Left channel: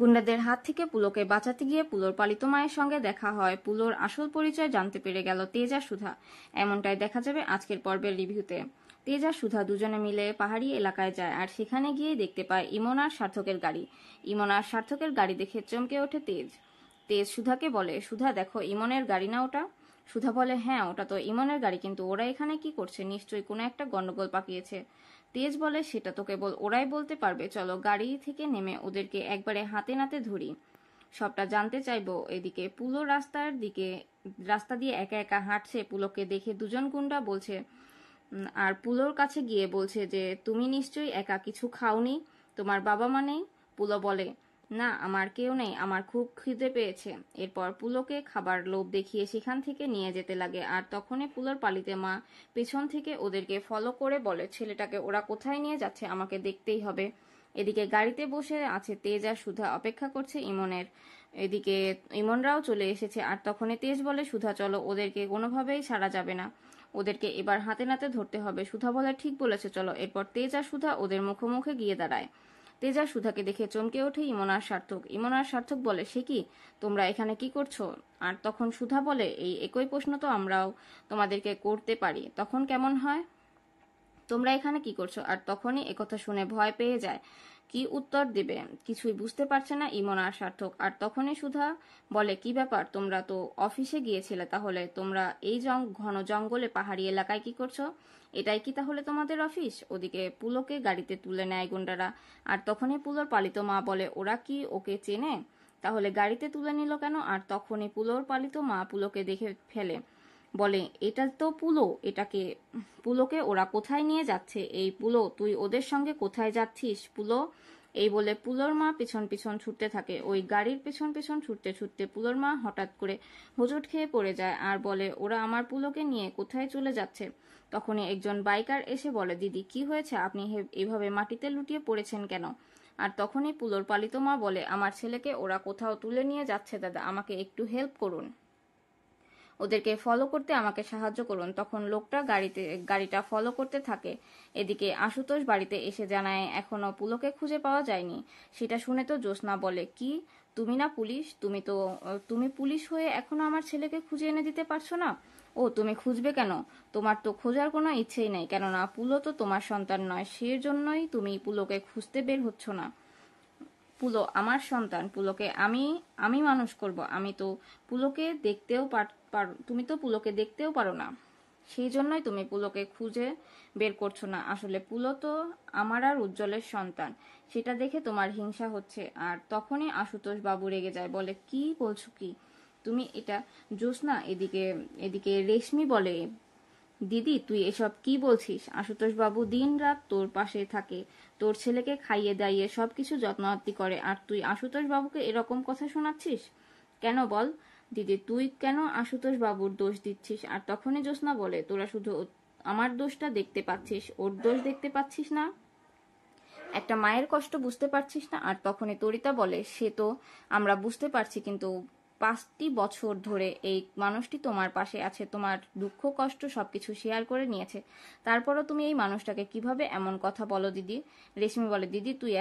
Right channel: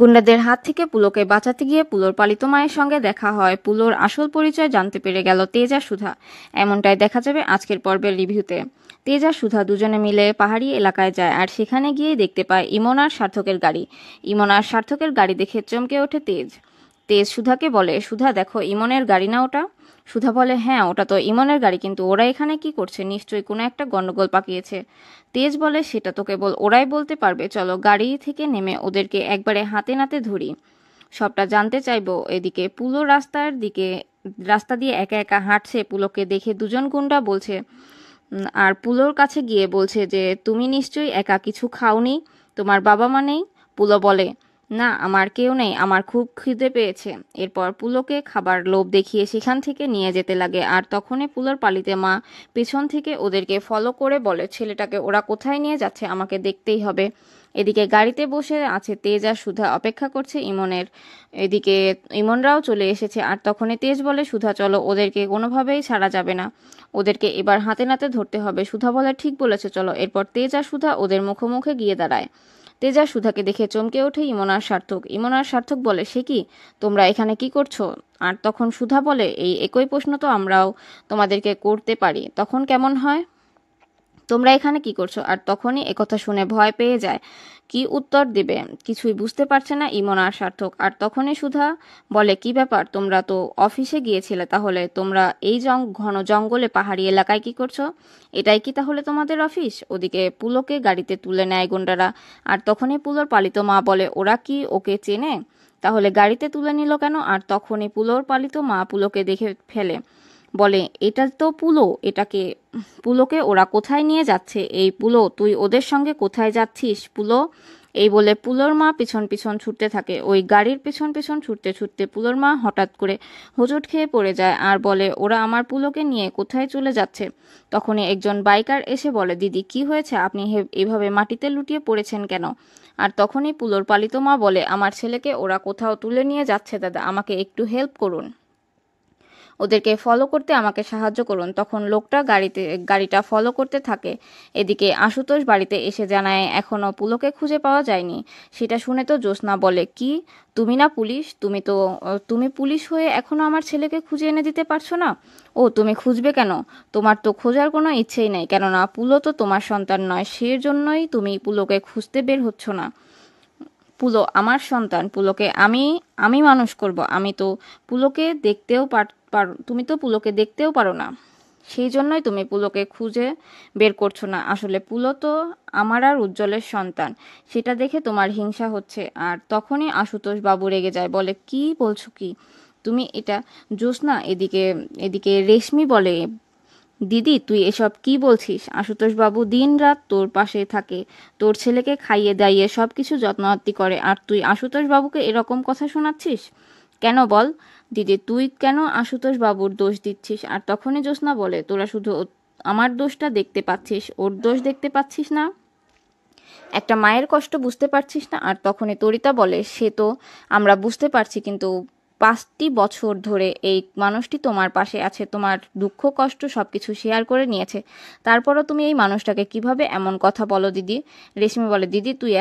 গুন্ডাদের হাত থেকে পুলোকে বাঁচাতে গিয়ে পুলোর পালিত মায়ের সঙ্গে দেখা হয়। পুলোর আসল পরিচয় জানতে পেরে গেল তেজ আর সুধা। এমনটাই দেখা যাবে আজকের পর্বের রিভিউতে। তেজ আর সুধা দুজনে মিলে পাহাড়ি এলাকায় যায় আর সেখানে গিয়ে দেখতে পায় ইমন আর সার্থকের গাড়ি। ইমন আর সার্থকের গাড়ি দেখে চমকে ওঠে তেজ। তেজ সুধাকে বলে, সুধা দেখো, ইমনের গাড়ি না ওটা? সুধা বলে, হ্যাঁ ওটা তো ইমনের গাড়ি, কিন্তু ওরা এখানে কি করছে? নিশ্চয়ই কোনো একটা গন্ডগোল পাকিয়েছে। তেজ বলে, সেটা তো কেবল ওরাই বলতে পারবে, চলো গাড়ি থেকে নেমে ওদেরকে একবারে হাতে নাতে ধরি, সবটা জানতে চাইবো। এদিকে পুলো রাস্তা দিয়ে একা একা হাঁটছে। পুলোকে দেখে দুজন গুন্ডা বলছে আর পুলোর কাছে গিয়ে বলছে যে তুমি নিশ্চয়ই একা কিছু খাওনি, তোমার বাবা মা নেই? পুলো বলে, না আমার কেউ নেই, আমার খুব খিদে পেয়েছে। এরপর পুলোকে খাবার লোভ দেখিয়ে সেখান থেকে নিয়ে যেতে লাগে। আর তখনই পুলোর পালিতে মা পেছন থেকে ওদেরকে ফলো করে বলে, ছেলেটাকে ওরা কোথায় নিয়ে যাচ্ছে আমাকে দেখতেই হবে। এদিকে গাড়িতে বসে আছে তেজ আর সুধা, অপেক্ষা করছে ইমনের। এদিকে ইমনরাও চলে এসেছে। আর তখনই তেজ বলে, সুধা চলো, ওদেরকে কোনোভাবেই ছাড়া যাবে না, ওদেরকে এবার হাতে নাতে ধরতে হবে। সুধা বলে, ঠিক বলেছে, চলো। এরপর তেজ আর সুধা ওদের মুখোমুখি গিয়ে দাঁড়ায়। তেজ আর সুধাকে দেখে চমকে ওঠে ইমন আর সার্থক। ইমন আর সার্থক বলে, সে কি, তোমরা এখানে কি করছো? আর তখন সুধা বলে, এই একই প্রশ্ন তো আমরাও তোমাদেরকে করতে পারি, তখন কেমন হয়? তোমরা এখানে কি করছো? আর তখনই একথা শুনে ভয় পেয়ে যায়। কি উত্তর দিবে কিছুই বুঝতে পারছে না ইমন আর সার্থক। আর তখনই সুধা বলে, কি ব্যাপার, তোমরা তো অফিসে গিয়েছিলে, তাহলে তোমরা এই ঘন জঙ্গলে পাহাড়ি এলাকায় কি করছো? এটাই কি তাহলে তোমাদের অফিস? ওদিকে পুলোকে গাড়িতে তুলে নেয় গুন্ডারা। আর তখনই পুলোর পালিত মা বলে, ওরা কি ওকে চেনে? তাহলে গাড়িতে তুলে নিল কেন? আর তখনই পুলোর পালিত মা পুলোকে দেখে ফেলে, বলে, এটা তো পুলো, পুলোকে ওরা কোথায় নিয়ে যাচ্ছে? এই পুলো, তুই ওদের সঙ্গে কোথায় যাচ্ছিস পুলো? এই বলে পুলোর মা পিছন পিছন ছুটতে থাকে। ওই গাড়ির পিছন পিছন ছুটতে ছুটতে পুলোর মা হঠাৎ করে হোঁচট খেয়ে পড়ে যায় আর বলে, ওরা আমার পুলোকে নিয়ে কোথায় চলে যাচ্ছে? তখনই একজন বাইকার এসে বলে, দিদি কি হয়েছে, আপনি এভাবে মাটিতে লুটিয়ে পড়েছেন কেন? আর তখনই পুলোর পালিত মা বলে, আমার ছেলেকে ওরা কোথাও তুলে নিয়ে যাচ্ছে দাদা, আমাকে একটু হেল্প করুন, ওদেরকে ফলো করতে আমাকে সাহায্য করুন। তখন লোকটা গাড়িটা ফলো করতে থাকে। এদিকে আশুতোষ বাড়িতে এসে জানায় এখনো পুলোকে খুঁজে পাওয়া যায়নি। সেটা শুনে তো জ্যোৎস্না বলে, কি তুমি না পুলিশ, তুমি পুলিশ হয়ে এখনো আমার ছেলেকে খুঁজে এনে দিতে পারছো না? ও তুমি খুঁজবে কেন? তোমার তো খোঁজার কোনো ইচ্ছেই নেই, কেননা পুলো তো তোমার সন্তান নয়, সেজন্যই তুমি পুলোকে খুঁজতে বের হচ্ছ না। পুলো আমার সন্তান, পুলোকে আমি আমি মানুষ করব। আমি তো পুলোকে দেখতেও তুমি তো পুলোকে দেখতেও পারো না, সেই জন্যই তুমি পুলোকে খুঁজে বের করছো না। আসলে পুলো তো আমার আর উজ্জ্বলের সন্তান, সেটা দেখে তোমার হিংসা হচ্ছে। আর তখনই আশুতোষ বাবু রেগে যায়, বলে, কি বলছো কি তুমি এটা? জ্যোৎস্না এদিকে এদিকে রেশমি বলে, দিদি তুই এসব কি বলছিস? আশুতোষ বাবু দিন রাত তোর পাশে থাকে, তোর ছেলেকে খাইয়ে দাইয়ে সব কিছু যত্নআত্তি করে, আর তুই আশুতোষ বাবুকে এরকম কথা শোনাচ্ছিস কেন বল? দিদি তুই কেন আশুতোষ বাবুর দোষ দিচ্ছিস? আর তখনই জ্যোৎস্না বলে, তোরা শুধু আমার দোষটা দেখতে পাচ্ছিস, ওর দোষ দেখতে পাচ্ছিস না, একটা মায়ের কষ্ট বুঝতে পারছিস না? আর তখনই তরিতা বলে, সে তো আমরা বুঝতে পারছি, কিন্তু 5টি বছর ধরে এই মানুষটি তোমার পাশে আছে, তোমার দুঃখ কষ্ট সবকিছু শেয়ার করে নিয়েছে, তারপরও তুমি এই মানুষটাকে কিভাবে এমন কথা বলো দিদি? রেশমি বলে, দিদি তুই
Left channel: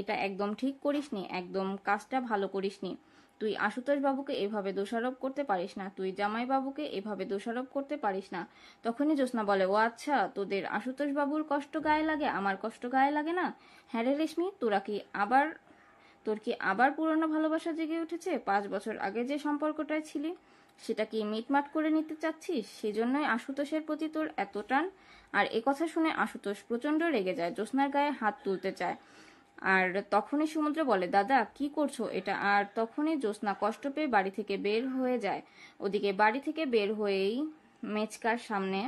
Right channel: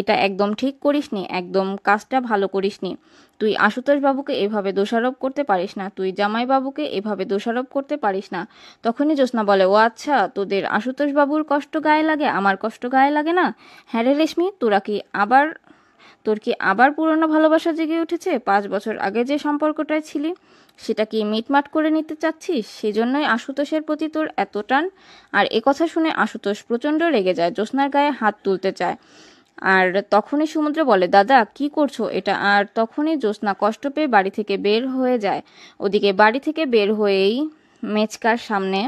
এটা একদম ঠিক করিসনি, একদম কাজটা ভালো করিসনি। তুই আশুতোষ বাবুকে এভাবে দোষারোপ করতে পারিস না, তুই জামাই বাবুকে এভাবে দোষারোপ করতে পারিস না। তখনই জ্যোৎস্না বলে, ও আচ্ছা, তোদের আশুতোষ বাবুর কষ্ট গায়ে লাগে, আমার কষ্ট গায়ে লাগে না? হ্যাঁ রে রেশমি, তোর কি আবার পুরনো ভালোবাসা জেগে উঠেছে? 5 বছর আগে যে সম্পর্কটায় ছিলি সেটা কি মিটমাট করে নিতে চাচ্ছিস? সেজন্যই আশুতোষের প্রতি তোর এত টান? আর কথা শুনে আশুতোষ প্রচণ্ড রেগে যায়, জ্যোৎস্নার গায়ে হাত তুলতে চায়। আর তখনই সমুদ্র বলে, দাদা কি করছো এটা? আর তখনই জ্যোৎস্না কষ্ট পেয়ে বাড়ি থেকে বের হয়ে যায়। ওদিকে বাড়ি থেকে বের হয়েই মেচকার সামনে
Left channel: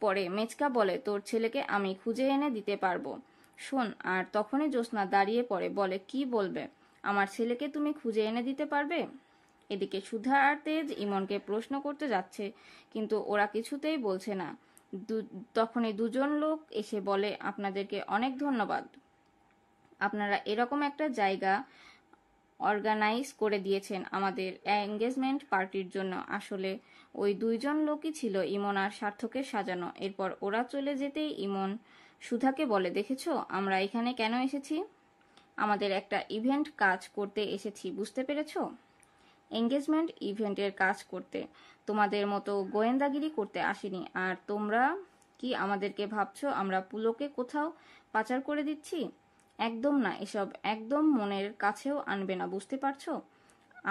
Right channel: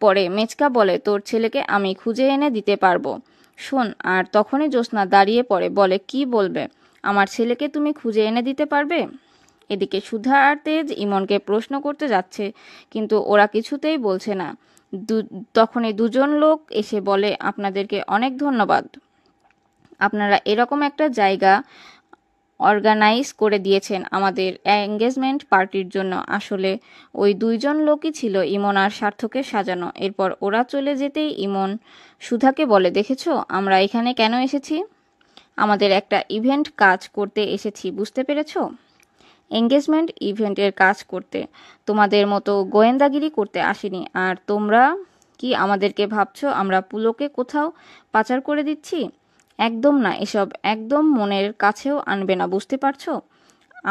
পড়ে। মেচকা বলে, তোর ছেলেকে আমি খুঁজে এনে দিতে পারবো, শোন। আর তখনই জ্যোৎস্না দাঁড়িয়ে পড়ে, বলে, কি বলবে? আমার ছেলেকে তুমি খুঁজে এনে দিতে পারবে? এদিকে সুধা আর তেজ ইমনকে প্রশ্ন করতে যাচ্ছে, কিন্তু ওরা কিছুতেই বলছে না। তখনই দুজন লোক এসে বলে, আপনাদেরকে অনেক ধন্যবাদ, আপনারা এরকম একটা জায়গা অর্গানাইজ করে দিয়েছেন আমাদের এঙ্গেজমেন্ট পার্টির জন্য। আসলে ওই দুইজন লোকই ছিল ইমন আর সার্থকের সাজানো। এরপর ওরা চলে যেতেই ইমন সুধাকে বলে, দেখেছো আমরা এখানে কেন এসেছি? আমাদের একটা ইভেন্ট কাজ করতে এসেছি, বুঝতে পেরেছো? এঙ্গেজমেন্ট ইভেন্টের কাজ করতে, তোমাদের মতো গোয়েন্দাগিরি করতে আসিনি। আর তোমরা কি আমাদেরকে ভাবছো আমরা পুলোকে কোথাও পাচার করে দিচ্ছি? একদম না, এসব একদম মনের কাছেও আনবে না, বুঝতে পারছো?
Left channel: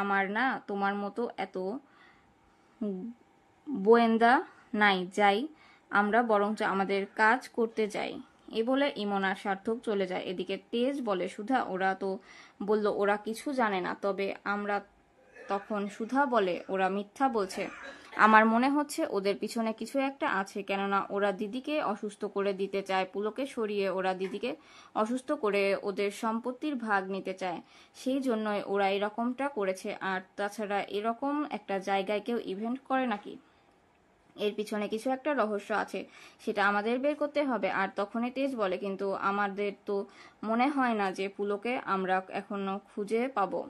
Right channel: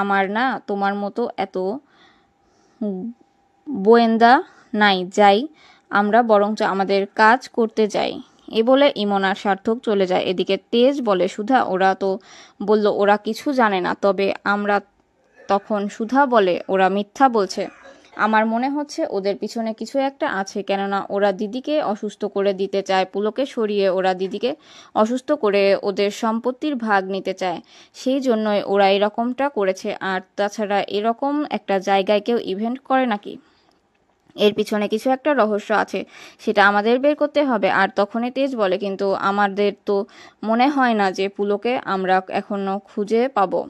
আমার না তোমার মতো এত গোয়েন্দা নাই, যাই আমরা বরঞ্চ আমাদের কাজ করতে যাই। এ বলে ইমন আর সার্থক চলে যায়। এদিকে তেজ বলে, সুধা ওরা তো বলল ওরা কিছু জানে না, তবে আমরা, তখন সুধা বলে ওরা মিথ্যা বলছে। আমার মনে হচ্ছে ওদের পিছনে কিছু একটা আছে, কেননা ওরা দিদিকে অসুস্থ করে দিতে চায়, পুলকে সরিয়ে ওরা দিদিকে অসুস্থ করে ওদের সম্পত্তির ভাগ নিতে চায়, সেই জন্যই ওরা এরকমটা করেছে। আর তাছাড়া এরকম একটা জায়গায় কেউ ইভেন্ট করে নাকি? এর পিছনে কিছু একটা রহস্য আছে, সেটা আমাদের বের করতে হবে। আর তখনই তেজ বলে, কিন্তু আমাদের তো মনে হয় না যে পুলকে আমরা এখনো খুঁজে পাবো।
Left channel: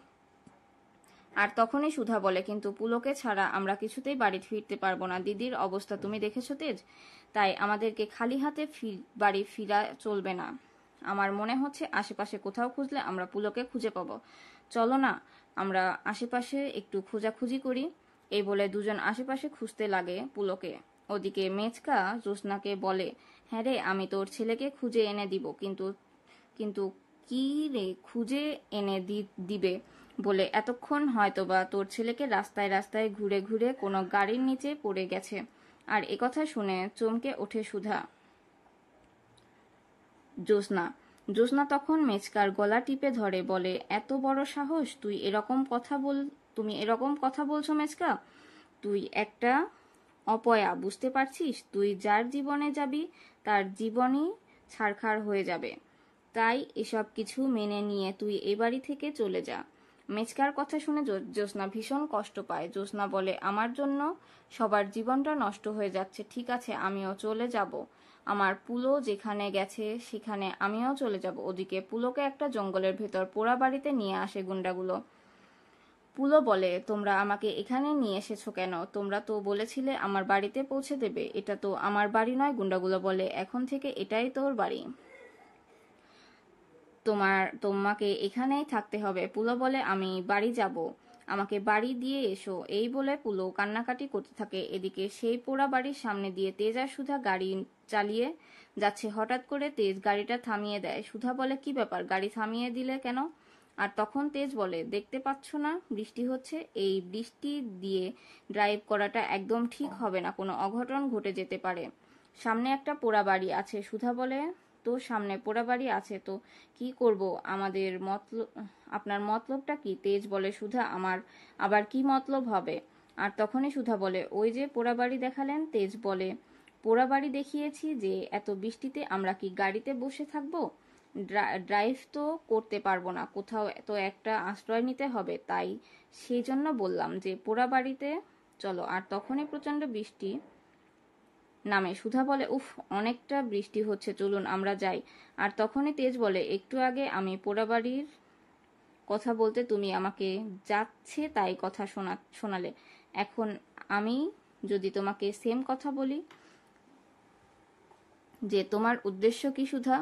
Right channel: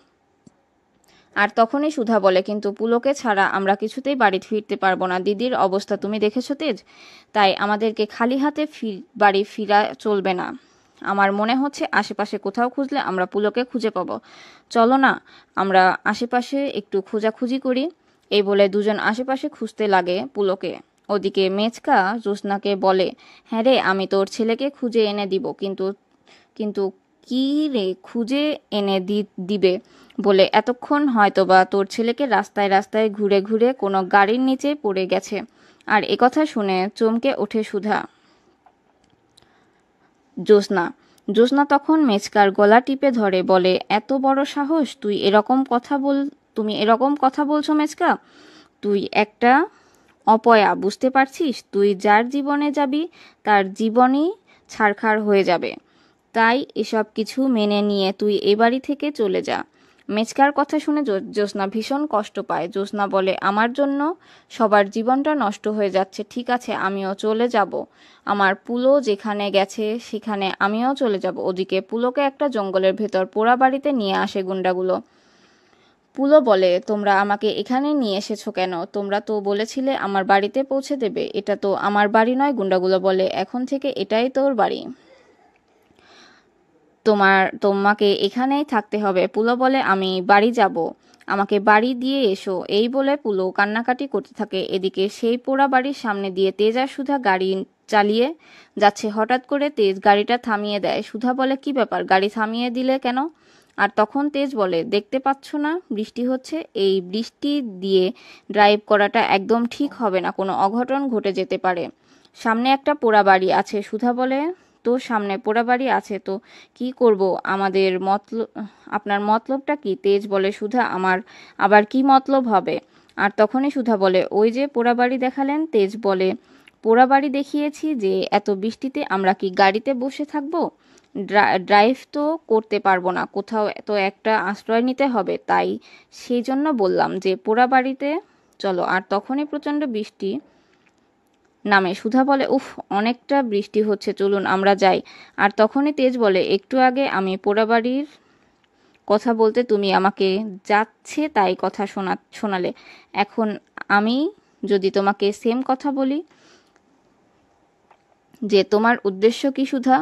আর তখনই সুধা বলে, কিন্তু পুলকে ছাড়া আমরা কিছুতেই বাড়ি ফিরতে পারবো না। দিদির অবস্থা তুমি দেখেছো তেজ, তাই আমাদেরকে খালি হাতে বাড়ি ফিরা চলবে না। আমার মনে হচ্ছে আশেপাশে কোথাও খুঁজলে আমরা পুলকে খুঁজে পাবো। চলো না আমরা আশেপাশে একটু খোঁজাখুঁজি করি। এই বলে দুজন আশেপাশে খুঁজতে লাগে পুলকে। ওদিকে মেচকা জ্যোৎস্নাকে বলে, হ্যাঁ রে, আমি তোর ছেলেকে খুঁজে এনে দিব, কিন্তু কিন্তু কি রে খুঁজে এনে দিবে বলে এতক্ষণ হয়তোবা তোর ছেলেকে রাস্তায় রাস্তায় ঘুরে ঘুরে কোনো গাড়ির নিচে পড়ে গেছে। আর একথা শুনে চমকে ওঠে সুধা। জ্যোৎস্না জ্যোৎস্না তখন মেচকার গলা টিপে ধরে বলে, এত বড় সাহস, তুমি এরকম কথা বলছো মেচকা? তুই একটা অপয়া, বুঝতে পারছিস? তুই যার জীবনে যাবি তার জীবনই ছারখার হয়ে যাবে। তাই এসব কিছু মেনে নিয়ে তুই এ বাড়ি থেকে চলে যা। মেচকার কথা শুনে জ্যোৎস্না ভীষণ কষ্ট পায়। জ্যোৎস্না বলে, আমার জন্য সবার জীবনটা নষ্ট হয়ে যাচ্ছে, ঠিক আছে আমিও চলে যাব। আমার পুলো যেখানে গেছে সেখানে আমিও চলে যাব। ওদিকে পুলোকে একটা জঙ্গলের ভেতর পোড়া বাড়িতে নিয়ে আসে গুন্ডাগুলো। পুলো বলে, তোমরা আমাকে এখানে নিয়ে এসেছো কেন? তোমরা তো বলেছিলে আমার বাড়িতে পৌঁছে দেবে। এটা তো আমার বাড়ি নয়। গুন্ডাগুলো বলে, এখন থেকে এটাই তোর বাড়ি, তোমাকে এখানেই থাকতে হবে। পুলো বলে, আমি বাড়ি যাব, আমাকে বাড়ি দিয়ে এসো। এই বলে পুলো কান্নাকাটি করতে থাকে। এদিকে সেই পোড়া বাড়ির সামনে দিয়ে তেজ আর সুধা গাড়ি চালিয়ে যাচ্ছে। হঠাৎ করে তেজ গাড়িটা থামিয়ে দেয়। সুধা বলে, কি ব্যাপার, গাড়ি থামিয়ে দিলে কেন? আর তখন তেজ বলে, দেখতে পাচ্ছ না বৃষ্টি হচ্ছে, এই বৃষ্টি দিয়ে ড্রাইভ করাটা একদম ঠিক হবে না, কোনো অঘটন ঘটে যেতে পারে। সামনে একটা পোড়া বাড়ি আছে। সুধা বলে, তো সামনে পোড়া বাড়ি আছে তো কি করব, আপনার মতলবটা কি? তেজ বলে, সুধা আমার আবার কি মতলব হবে? আর তখনই সুধা বলে, ওই যে পোড়া বাড়ি দেখালেন। তেজ বলে, পোড়া বাড়ি দেখিয়েছি যে এত বৃষ্টিতে আমরা কি গাড়িতে বসে থাকবো? ড্রাইভ তো করতে পারবো না, কোথাও তো একটা আশ্রয় নিতে হবে, তাই সেই জন্য বললাম যে পোড়া বাড়িতে চলো। আর তখনই প্রচণ্ড বৃষ্টি নামে। সুধা বলে, উফ, অনেকটা বৃষ্টি হচ্ছে, চলুন আমরা যাই। আর তখনই তেজ বলে, একটু আগে আমি পোড়াবাড়ির কথা বলতে তুমি আমাকে যাচ্ছে তাই কথা শোনালে, এখন আমি যদি তোমাকে সেম কথা বলি যে তোমার উদ্দেশ্য কি সুধা?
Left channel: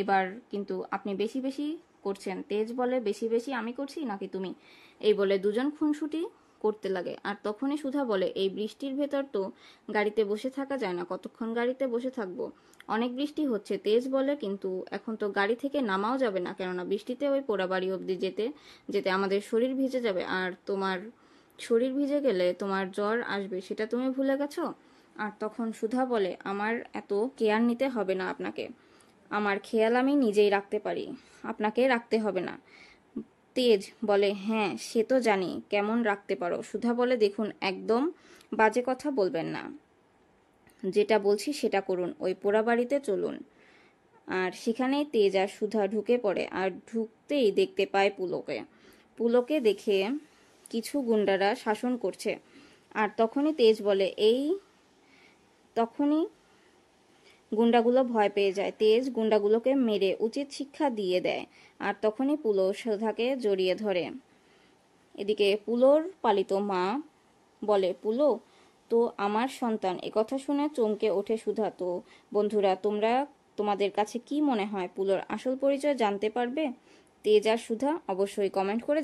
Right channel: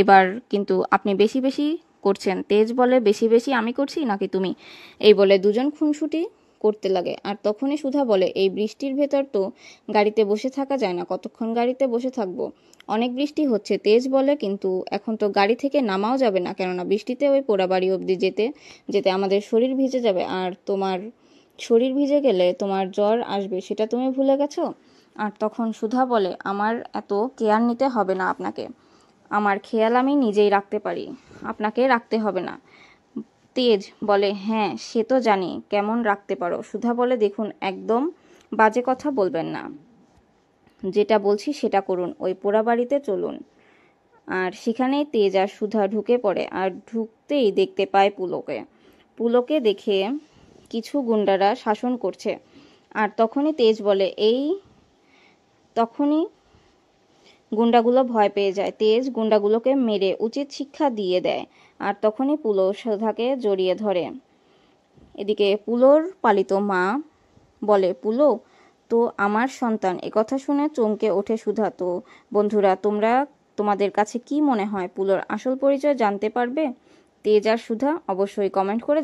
এবার কিন্তু আপনি বেশি বেশি করছেন। তেজ বলে, বেশি বেশি আমি করছি নাকি তুমি? এই বলে দুজন খুনসুটি করতে লাগে। আর তখনই সুধা বলে, এই বৃষ্টির ভেতর তো গাড়িতে বসে থাকা যায় না, কতক্ষণ গাড়িতে বসে থাকবো, অনেক বৃষ্টি হচ্ছে। তেজ বলে, কিন্তু এখন তো গাড়ি থেকে নামাও যাবে না, কেননা বৃষ্টিতে ওই পোড়া বাড়ি অবধি যেতে যেতে আমাদের শরীর ভিজে যাবে, আর তোমার শরীর ভিজে গেলে তোমার জ্বর আসবে, সেটা তুমি ভুলে গেছো? আর তখন সুধা বলে, আমার এত কেয়ার নিতে হবে না আপনাকে, আমার খেয়াল আমি নিজেই রাখতে পারি, আপনাকে রাখতে হবে না। তেজ বলে, হ্যাঁ সে তো জানি কেমন রাখতে পারো। সুধা বলে, দেখুন একদম বাজে কথা বলবেন না, যেটা বলছি সেটা করুন, ওই পোড়া বাড়িতে চলুন। আর সেখানেই তেজ আর সুধা ঢুকে পড়ে। আর ঢুকতেই দেখতে পায় পুলোকে দেখে কিছু গুন্ডারা শাসন করছে। আর তখনই তেজ বলে, তখনই গুন্ডাগুলো ভয় পেয়ে যায়। তেজ গুন্ডাগুলোকে মেরে উচিত শিক্ষা দিয়ে দেয়। আর তখনই পুলো সুধাকে জড়িয়ে ধরে। এদিকে পুলোর পালিত মা বলে, পুলো তো আমার সন্তান। একথা শুনে চমকে ওঠে সুধা। তো বন্ধুরা, তোমাদের কাছে কি মনে হয় পুলোর আসল পরিচয় জানতে পারবে? তেজ আর সুধা? অবশ্যই কমেন্ট করে